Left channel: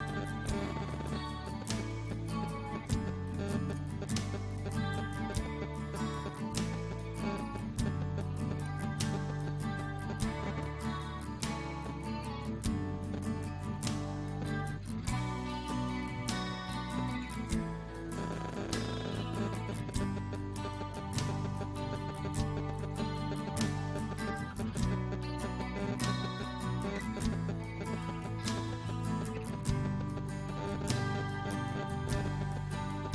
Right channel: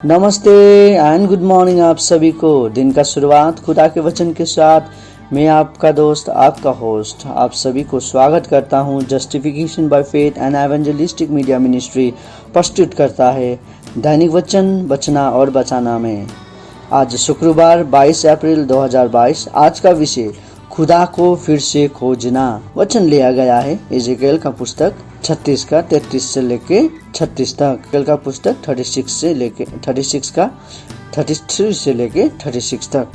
नमस्ते and good morning आप सभी को। दिन का शुरुआत खुदा के वचन के साथ मैं आपका दोस्त आपका होस्ट आप सभी को स्वागत करता हूं। Justification by faith and evangelistic media ministry प्रस्तुत करता है दैनिक वचन बचना और बचाना में। आज शुक्रवार 22 अप्रैल 2022। आज का विषय खुदा को फिर से खोजना। वचन लिया गया है इज़ेकिएल का पुस्तक 36 का 33 से लेके 36 तक। इज़ेकिएल का पुस्तक 36 से लेके 33 का 33 से लेके 36 तक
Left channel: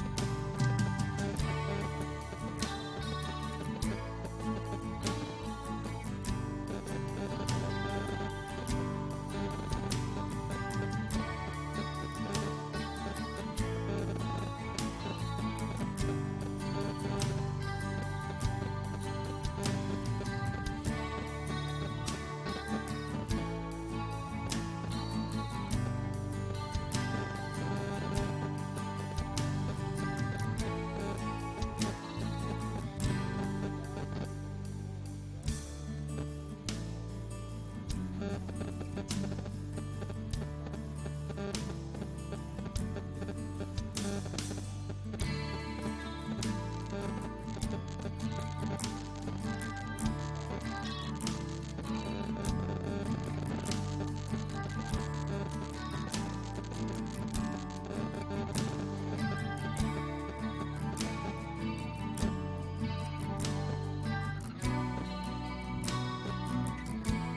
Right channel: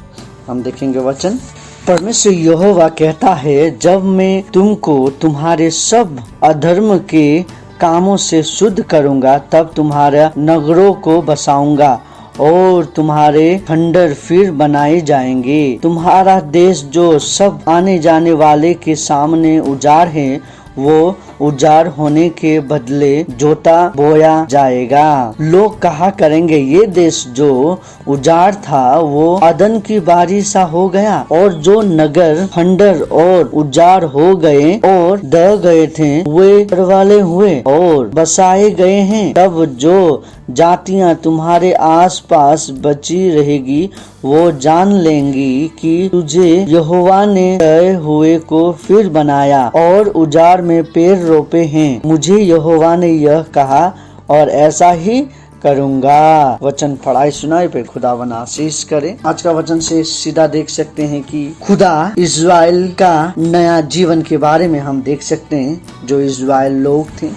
हम देखेंगे वचन। परमेश्वर यहोवा कहता है, जब मैं तुमको तुम्हारे सब अधर्म के कामों से शुद्ध करूंगा, तब तुम्हारे नगरों को बसाऊंगा और तुम्हारे खंडर फिर बनाए जाएंगे। तुम्हारा देश जो सब आने जाने वाले के सामने उजाड़ है, वो उजाड़ होने के बदले जोता बोया जाएगा। लोग कहा करेंगे, ये देश जो उजाड़ था वो अदन की बारी सा हो गया, और जो नगर खंडर और उजाड़ हो गए और दह गए थे वे वाले हुए और बसाए गए हैं। तब जो जातियां तुम्हारे आसपास बची रहेगी वो जान लेंगी कि तुझे यहोवा ने गए हुए को फिर बनाया और उजाड़ में पेड़ रोपे हैं। मुझे यहोवा ने यह कहा और ऐसा ही करूंगा। वचन पढ़ाई सुनाई पे खुदा बना आशीष करे। आज का वचन से सीधा देख सकते हैं कि खुदा इज़राइल का नया जीवन के बारे में हम देख सकते हैं। जो इज़राइल लोग थे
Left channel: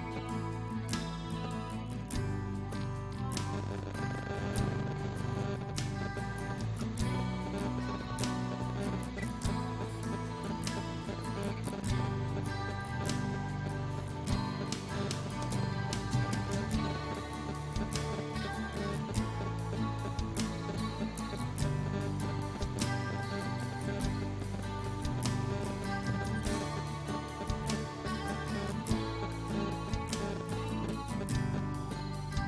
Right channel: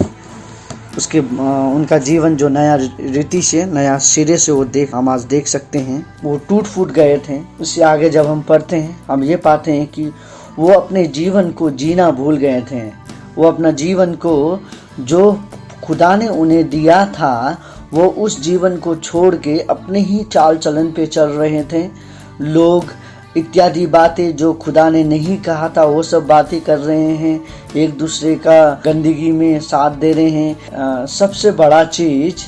उसके उनका जीवन जो नया रीति से नया सिरे से हम आज देख सकते हैं। वो टूट फूट गए थे। उससे आगे जब हम पढ़ते हैं हम ये पाते हैं कि वो अपने जीवन को जीना भूल गए थे। वो अपना जीवन को जो खुदा ने उन्हें दिया था वो उस जीवन को छोड़ के अपने ही चाल चलन पे चल रहे थे। लोग इत्यादि बातें जो खुदा ने नहीं कहा था वो सब बातें कर रहे हैं। एक दूसरे का गंदगी में साथ दे रहे हैं। सबसे बड़ा चीज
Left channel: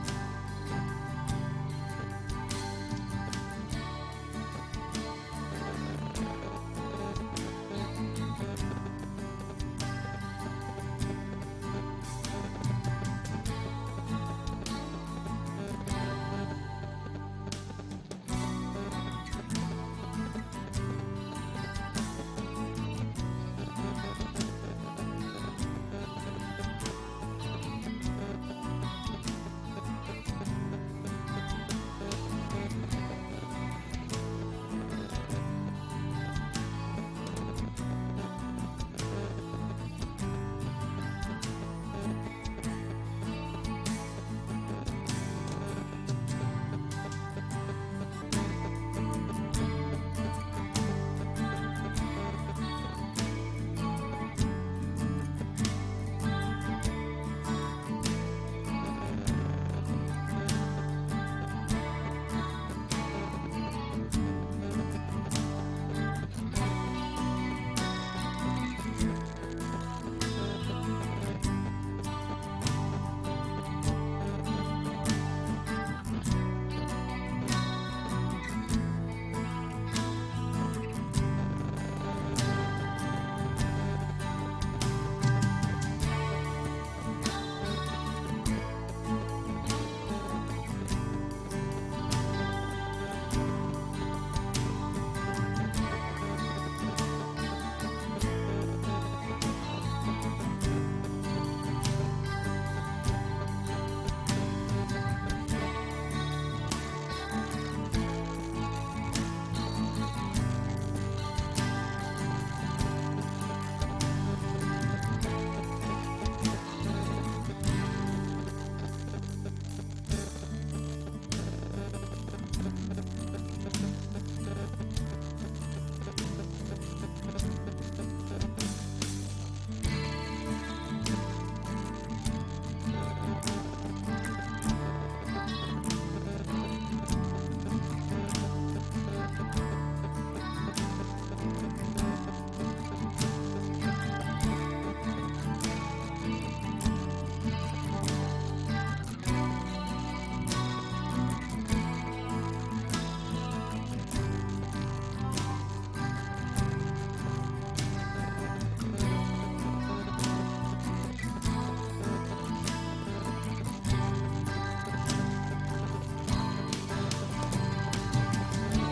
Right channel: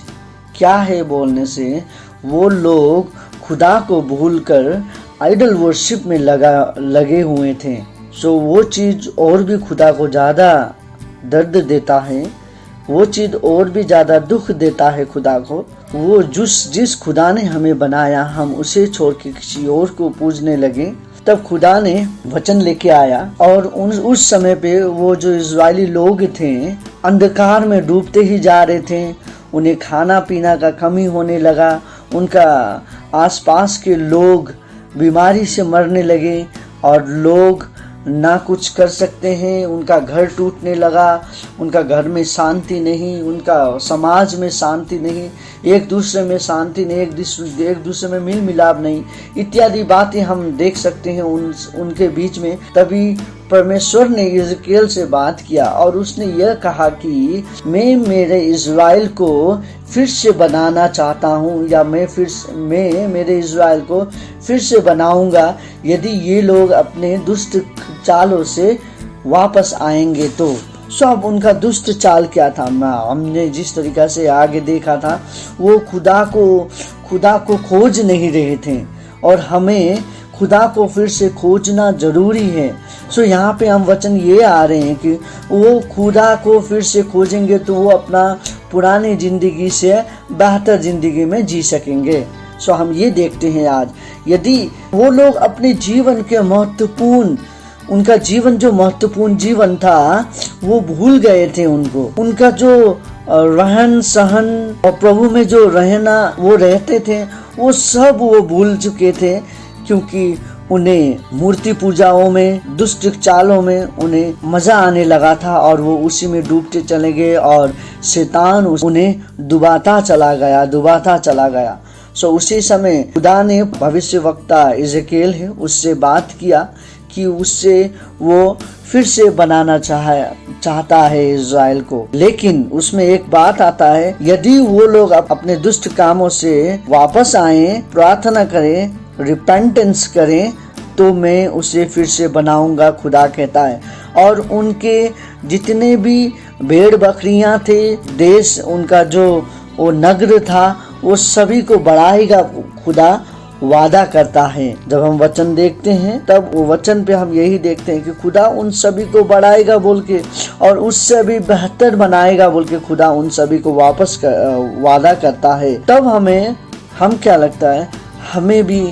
क्या है बोलने से, वो लोग खुदा को भूलकर आइडल वर्शिप में लगे हुए थे। सो वो चीज और भी खुदा को ज्यादा दर्द देता है, वो चीज और भी ज्यादा दुख देता है खुदा को। वो जिस खुदा ने हमें बनाया हम उसे छोड़ के किसी और को पूजने लगे। तब खुदा ने वचन लेके आया और उस समय पे वो जो इज़राइली लोग थे अंधकार में डूबते ही जा रहे थे। उन्हें खाना पीना का कमी होने लगा। उनका आसपास के लोग बीमारी से मरने लगे और लोग ना कुछ कर सकते हैं। उनका घर टूटने लगा। उनका घर में शांति नहीं, उनका समाज में शांति नहीं, एक दूसरे में शांति नहीं, एक दूसरे में मिल मिलाप नहीं, इत्यादि बातें हम देख सकते हैं उनके बीच में। तभी परमेश्वर ने इज़ेकिएल से बात किया और उसने यह कहा कि मैं मेरे इज़राइल को फिर से बनाना चाहता हूँ, या मैं मेरे इज़राइल को फिर से बनाऊंगा यदि ये लोग अपने दुष्ट चालों से वापस आएंगे तो। सब उनका दुष्ट चाल क्या था? हमने जिस तरीका से आगे देखा था वो खुदा को खोज नहीं रहे थे और हमें खुदा को फिर से खोजना जरूरी है। सो यहाँ पे हम वचन ये आ रहे हैं कि वो खुदा को फिर से खोजेंगे तो वो अपना पुरानी जिंदगी से बेहतर जिंदगी में जी सकेंगे। सो हम ये देखते हैं आज, यदि वो लोग अपने जीवन के उनका जीवन जो महत्वपूर्ण जीवन था वो भूल गए थे। उनका जो रहन सहन और प्रभु में जो रहना वो रहते थे वो सब वो भूल चुके थे, क्योंकि उन्हें मूर्ति पूजाओं में दुष्ट चालों में उन्हें मजा आने लगा था और वो उसी में डूबते चले गए और शैतान उन्हें डुबाता चला गया। सो उसी समय खुदा ने भविष्यवक्ता इज़ेकिएल है उससे बात किया कि उससे वो फिर से बनाना चाहता है इज़राइल को। लेकिन उसमें एक बात आता है, यदि वो लोग अपने दुष्ट कामों से वापस आए, प्रार्थना करें, रिपेंटेंस करें, तो मैं उसे फिर से बनाऊंगा, खुदा कहता है। और उनके जितने भी भेड़ बकरियां थे, देश उनका जो वो नगर था, वो सभी को बढ़ाएगा, खुदा वादा करता है। जब हम वचन देखते हैं तब वो वचन पे हम यही देखते हैं कि खुदा उन सभी को बढ़ाएगा बोल के और उससे भी बेहतर बनाएगा बोल के खुदा उन सभी को वापस वादा करता है। तब हम क्या लगता है, हमें भी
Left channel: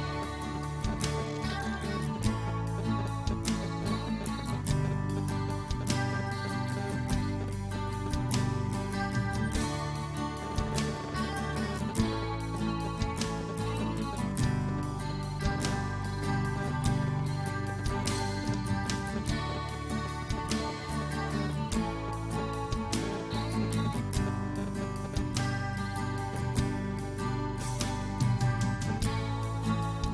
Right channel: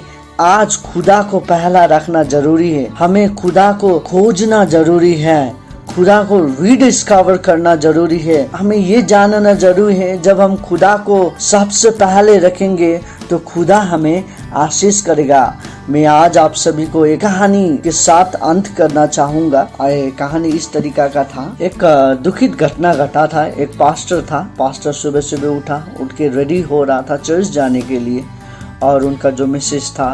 आज खुदा को पहला रखना जरूरी है। हमें खुदा को खोजना जरूरी है, खुदा को रीडिस्कवर करना जरूरी है। हमें ये जानना जरूरी है, जब हम खुदा को सबसे पहले रखेंगे तो खुदा हमें आशीष करेगा। मैं आज आप सभी को एक कहानी के साथ अंत करना चाहूंगा। कहानी इस तरीका का था। एक दुखित घटना घटा था। एक पास्टर था। पास्टर सुबह सुबह उठ के रेडी हो रहा था चर्च जाने के लिए, और उनका जो मिसेस था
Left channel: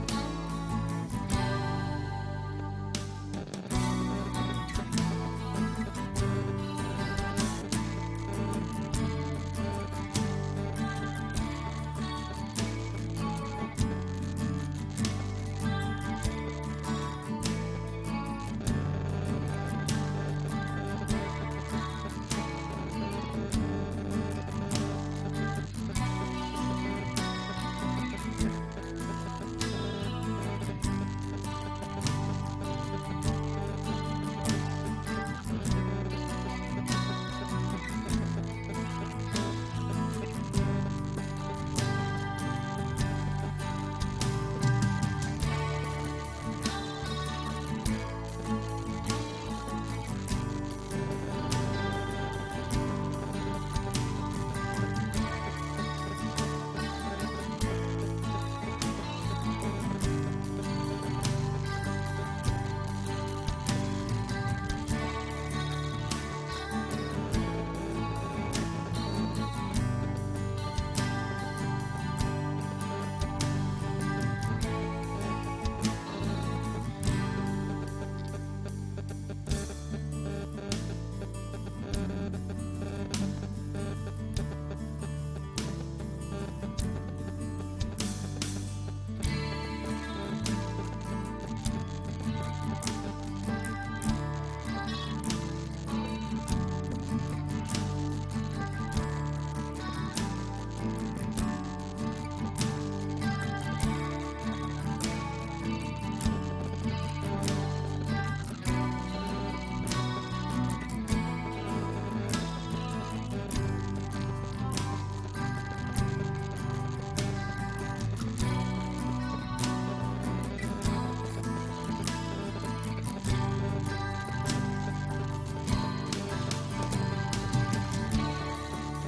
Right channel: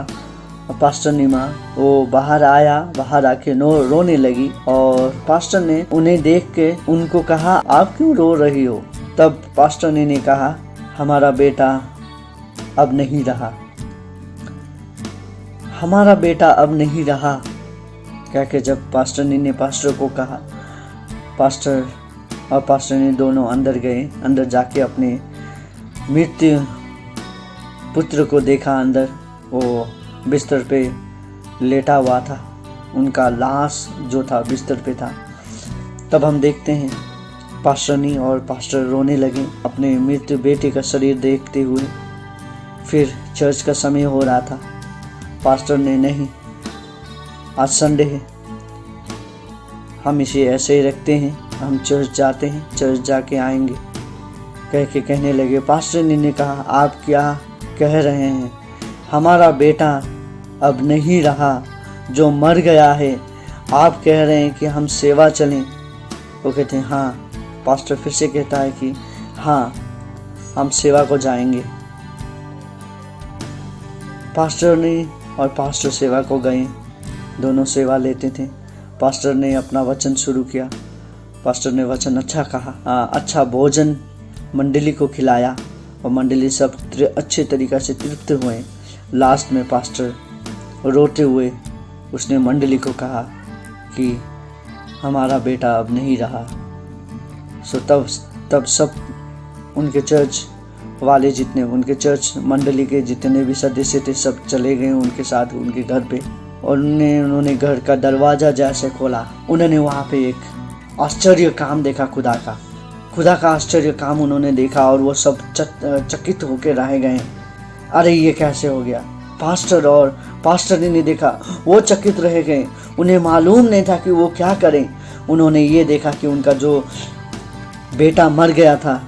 पास्टर नीमा, वो बाहर आया। बाहर आके रोने लगी, और पास्टर ने उन्हें देख के उनको कहा, आप क्यों रो रही हो? तब पास्टर ने कहा, हमारा बेटा अब नहीं रहा, हमारा बेटा अब नहीं रहा। क्या कि जब पास्टर ने पास्टर को कहा, पास्टर और पास्टर ने दोनों अंदर गए। अंदर जाके अपने मृत्यु पुत्र को देखा। अंदर वो बिस्तर पे लेटा हुआ था, उनका लाश जो था बिस्तर पे था। तब हम देखते हैं पास्टरनी और पास्टर रोने लगे अपने मृत्यु बेटे का शरीर देखते हुए। फिर चर्च का समय हो रहा था। पास्टर ने, नहीं, आज संडे है, हम इसे ऐसे ही रखते हैं, हम चर्च जाते हैं, चर्च जाके आएंगे, कह के कहने लगे। पास्टर ने कहा, आप क्या कह रहे हैं? हमारा बेटा अब नहीं रहा, जो मर गया है। आप कह रहे हैं कि हम सेवा चलें? वो कहते हैं हाँ। पास्टर फिर से कहता है कि हाँ, हम सेवा को जाएंगे। पास्टर ने और पास्टर सेवा को गए, दोनों सेवा लेते थे। पास्टर ने अपना वचन शुरू किया। पास्टर ने वचन अच्छा कहा, अच्छा भोजन मंडली को खिलाया, और मंडली सब अच्छे तरीक़ा से तृप्त हुए। लास्ट में पास्टर रोते हुए उसने मंडली को कहा कि हमारा बेटा अब नहीं रहा। सो तब सब उनके चर्च वाले जितने, उनके चर्च मंडली के जितने भी सदस्य थे, सब चले गए उनके साथ उनके घर पे, और उन्होंने घर का दरवाज़ा जैसे खोला, उन्होंने वहाँ पे एक आश्चर्य काम देखा। खुदा का आश्चर्य काम उन्होंने देखा, और वो सब चकित होकर रह गए। अरे ये कैसे हो गया? पास्टर और पास्टर ने देखा, वो चकित रह गए। उन्हें मालूम नहीं था कि वो क्या करें। उन्होंने ये देखा कि उनका जो बेटा मर गया था,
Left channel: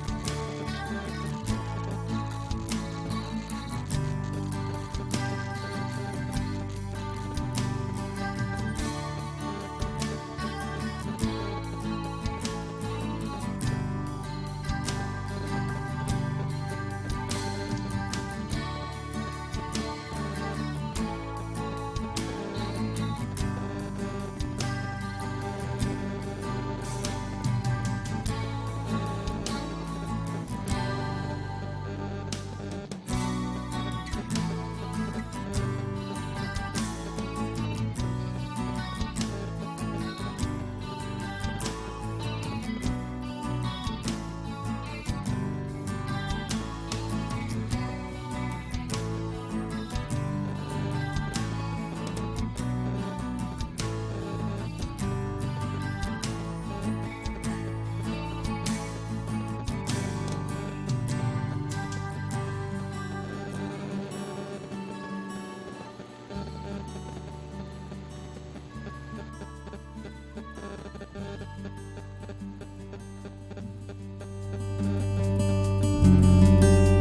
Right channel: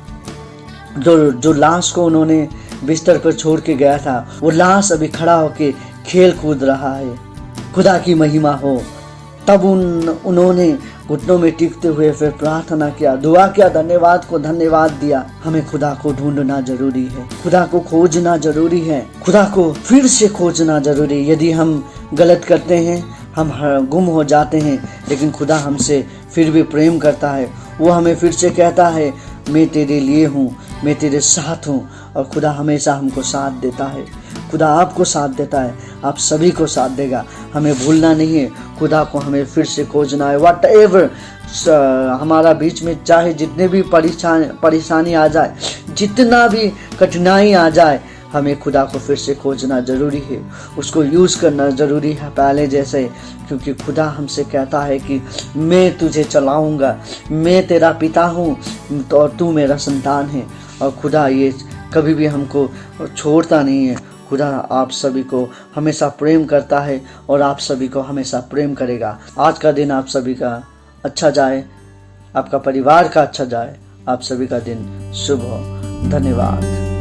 जो लाश को उन्होंने बिस्तर पर छोड़ के गया था, वो लाश अभी खड़ा होके खेल कूद रहा है। खुदा की महिमा हो। तब उन्होंने घुटनों में टिकते हुए फिर प्रार्थना किया, दुआ किया, धन्यवाद को धन्यवाद दिया। हमें खुदा को ढूंढना जरूरी है, खुदा को खोजना जरूरी है, खुदा को फिर से खोजना जरूरी है। यदि हम गलत करते हैं, हम गुम हो जाते हैं, लेकिन खुदा हमसे फिर भी प्रेम करता है। वो हमें फिर से कहता है, मैं तेरे लिए हूँ, मैं तेरे साथ हूँ। और खुदा हमेशा हमको साथ देता है। खुदा आपको साथ देता है, आप सभी को साथ देगा। हमें भूलना नहीं है, खुदा को हमें फिर से खोजना है। वट एवर हमारा बीच में चाहे जितने भी परेशानी आ जाए, जितना भी कठिनाई आ जाए, हमें खुदा को फिर से खोजना जरूरी है, उसको यूज़ करना जरूरी है पहले जैसे। क्योंकि खुदा हमसे कहता है कि मैं तुझे चलाऊंगा, मैं तेरा पिता हूँ और तू मेरा संतान है। और खुदा ये कभी भी हमको छोड़ता नहीं है। खुदा आप सभी को हमेशा प्रेम करता है और आप सभी को हमेशा प्रेम करेगा। आज का दिन आप सभी का अच्छा जाए, आपका परिवार का अच्छा जाए, आप सभी का दिन शुभ हो। धन्यवाद।